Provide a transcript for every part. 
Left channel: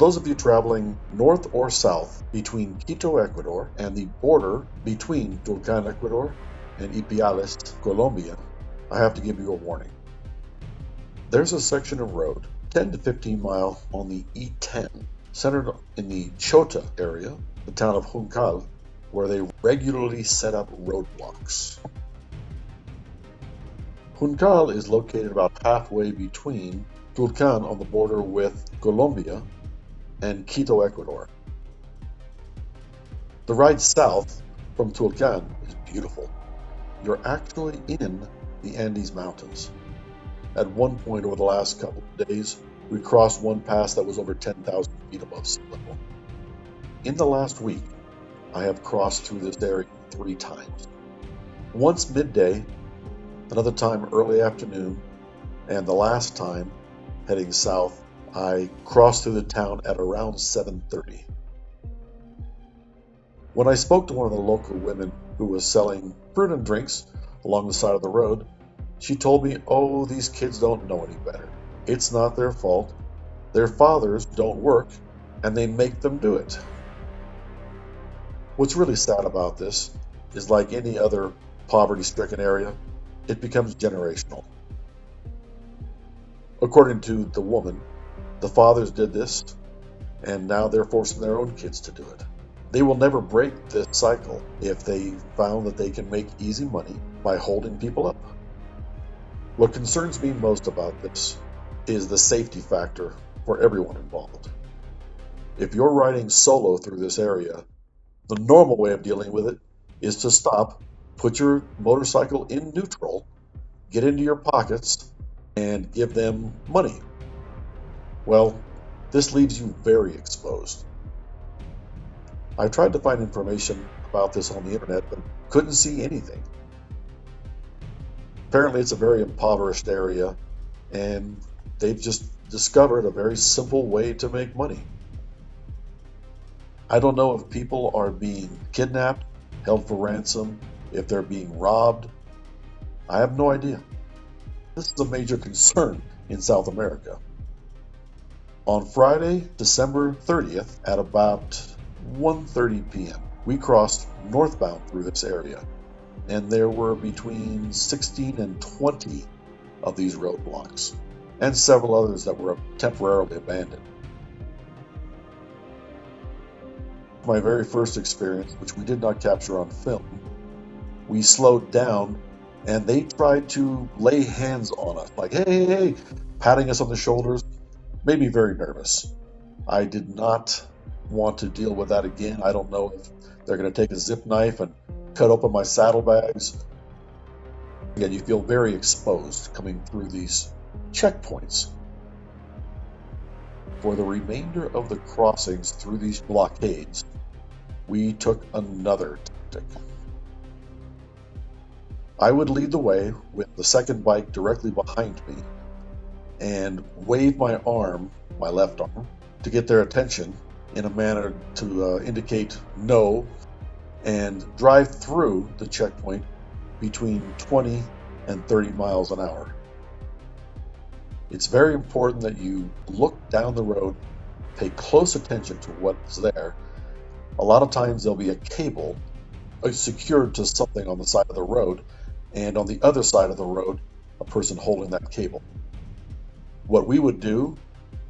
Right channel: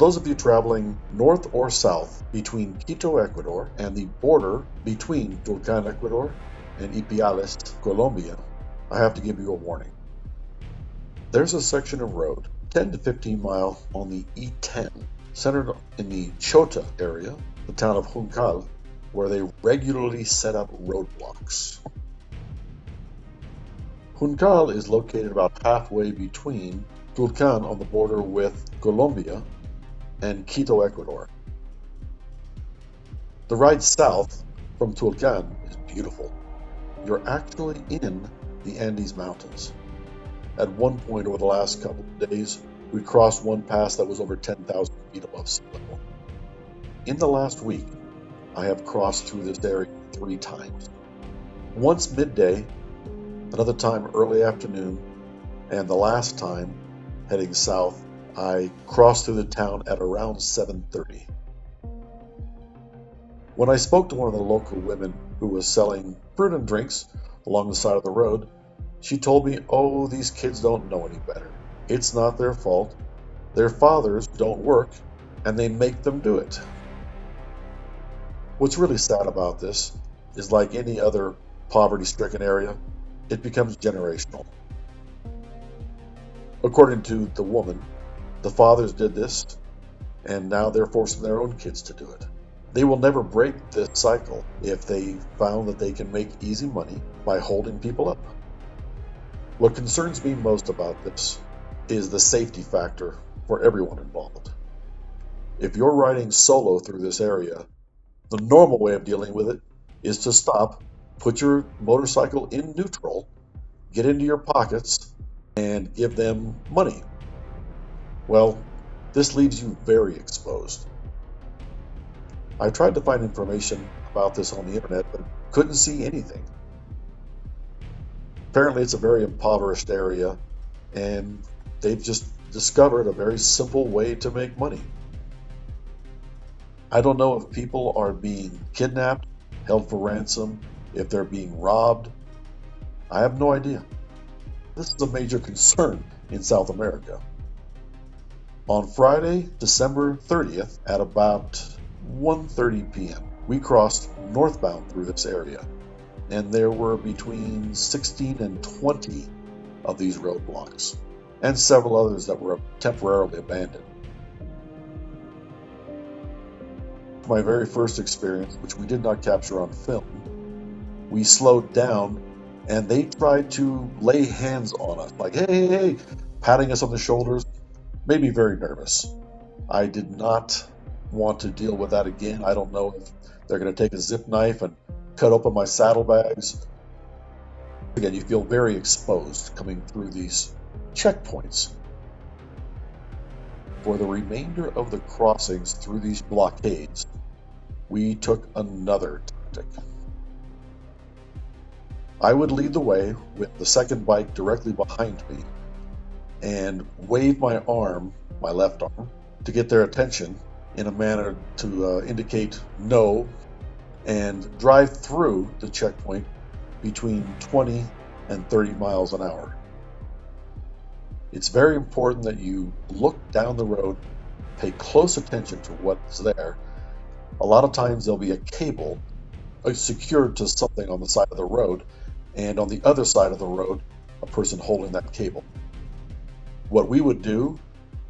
those of you traveling north or south between Quito, Ecuador, and the border between Tulcan, Ecuador, and Ipiales, Colombia, I have to give you a warning. There's a section of road, 10 to 15 mile on the E10, centered in the Chota area, the town of Juncal, where they regularly set up roadblocks. Juncal is located about halfway between Tulcan on the border with Colombia and Quito, Ecuador. The ride south from Tulcan is beautiful. You're actually in the Andes Mountains. At one point over the last couple of days, we crossed one pass that was over 10,000 feet above sea level. In the last week, I have crossed through this area 3 times. Once midday, another time early afternoon, and the last time heading south, I crossed through the town at around 7:30. When I spoke to one of the local women who was selling fruit and drinks along the side of the road, she told me, "Oh, these kids don't know any better. It's not their fault. Their fathers don't work, and they make them do it." What's really sad about this is, like any other poverty-stricken area, it becomes generational. According to the woman, the fathers did this, and now they're forcing their own kids to do it. They will never break this cycle if they found that they can make easy money by holding people up. What concerns me most about this is the safety factor for everyone involved. If you're riding solo through this area, the normal way of dealing with it is to stop, put your motorcycle in neutral, get into your pockets, and give them money. Well, this leaves you very exposed. I tried to find information about this on the internet, but couldn't see anything. Apparently it's a very impoverished area, and they've just discovered a very simple way to make money. I don't know if people are being kidnapped, held for ransom, if they're being robbed. I have no idea. This is a major concern in South America. On Friday, December 30th, at about 1:30 p.m., we crossed northbound through this area, and there were between 16 and 20 of these roadblocks, and several others that were temporarily abandoned. My very first experience, which we did not capture on film, we slowed down, and they tried to lay hands on us, like, hey, hey, hey, patting us on the shoulders, made me very nervous. I did not want to deal with that again. I don't know if they're going to take a zip knife and cut open my saddlebags. Again, you feel very exposed coming through these checkpoints. For the remainder of the crossings through these blockades, we took another tactic. I would lead the way with the second bike directly behind me and wave my arm, my left arm, to get their attention in a manner to indicate no, and drive through the checkpoint between 20 and 30 miles an hour. It's very important that you look down the road, pay close attention to what's there. A lot of times there'll be a cable secured to something on the side of the road, and on the other side of the road, a person holding that cable. What we would do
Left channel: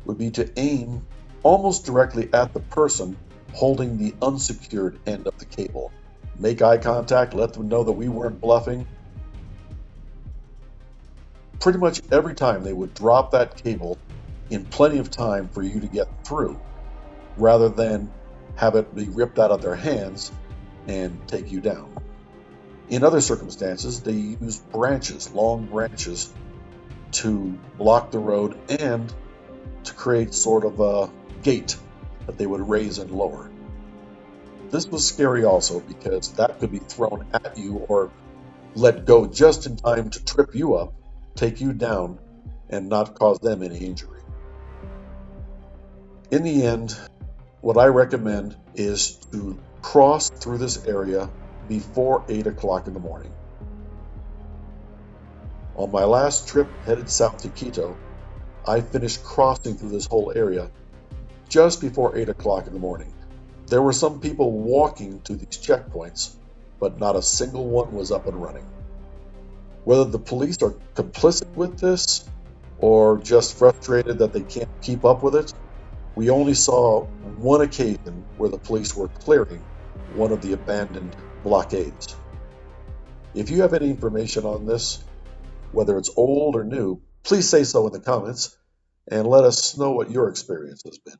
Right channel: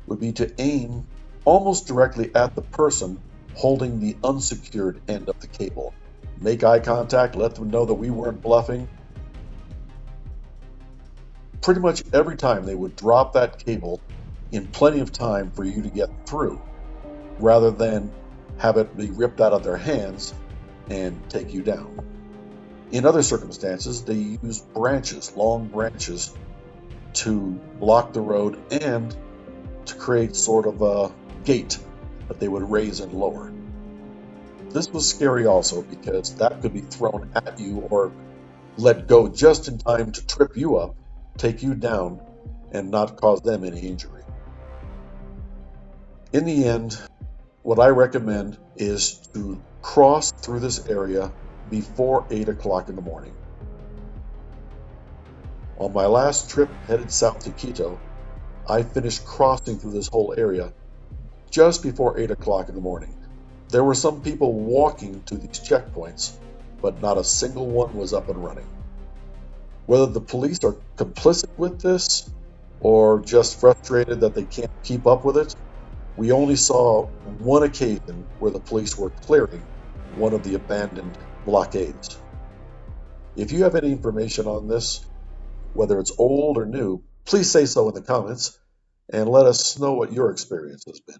would be to aim almost directly at the person holding the unsecured end of the cable. Make eye contact, let them know that we weren't bluffing. Pretty much every time they would drop that cable in plenty of time for you to get through, rather than have it be ripped out of their hands and take you down. In other circumstances, they use branches, long branches, to block the road and to create sort of a gate that they would raise and lower. This was scary also because that could be thrown at you or let go just in time to trip you up, take you down, and not cause them any injury. In the end, what I recommend is to cross through this area before 8 o'clock in the morning. On my last trip headed south to Quito, I finished crossing through this whole area just before 8 o'clock in the morning. There were some people walking to these checkpoints, but not a single one was up and running. Whether the police are complicit with this or just frustrated that they can't keep up with it, we only saw one occasion where the police were clearing one of the abandoned blockades. If you have any information on this, whether it's old or new, please say so in the comments and let us know what your experience has been.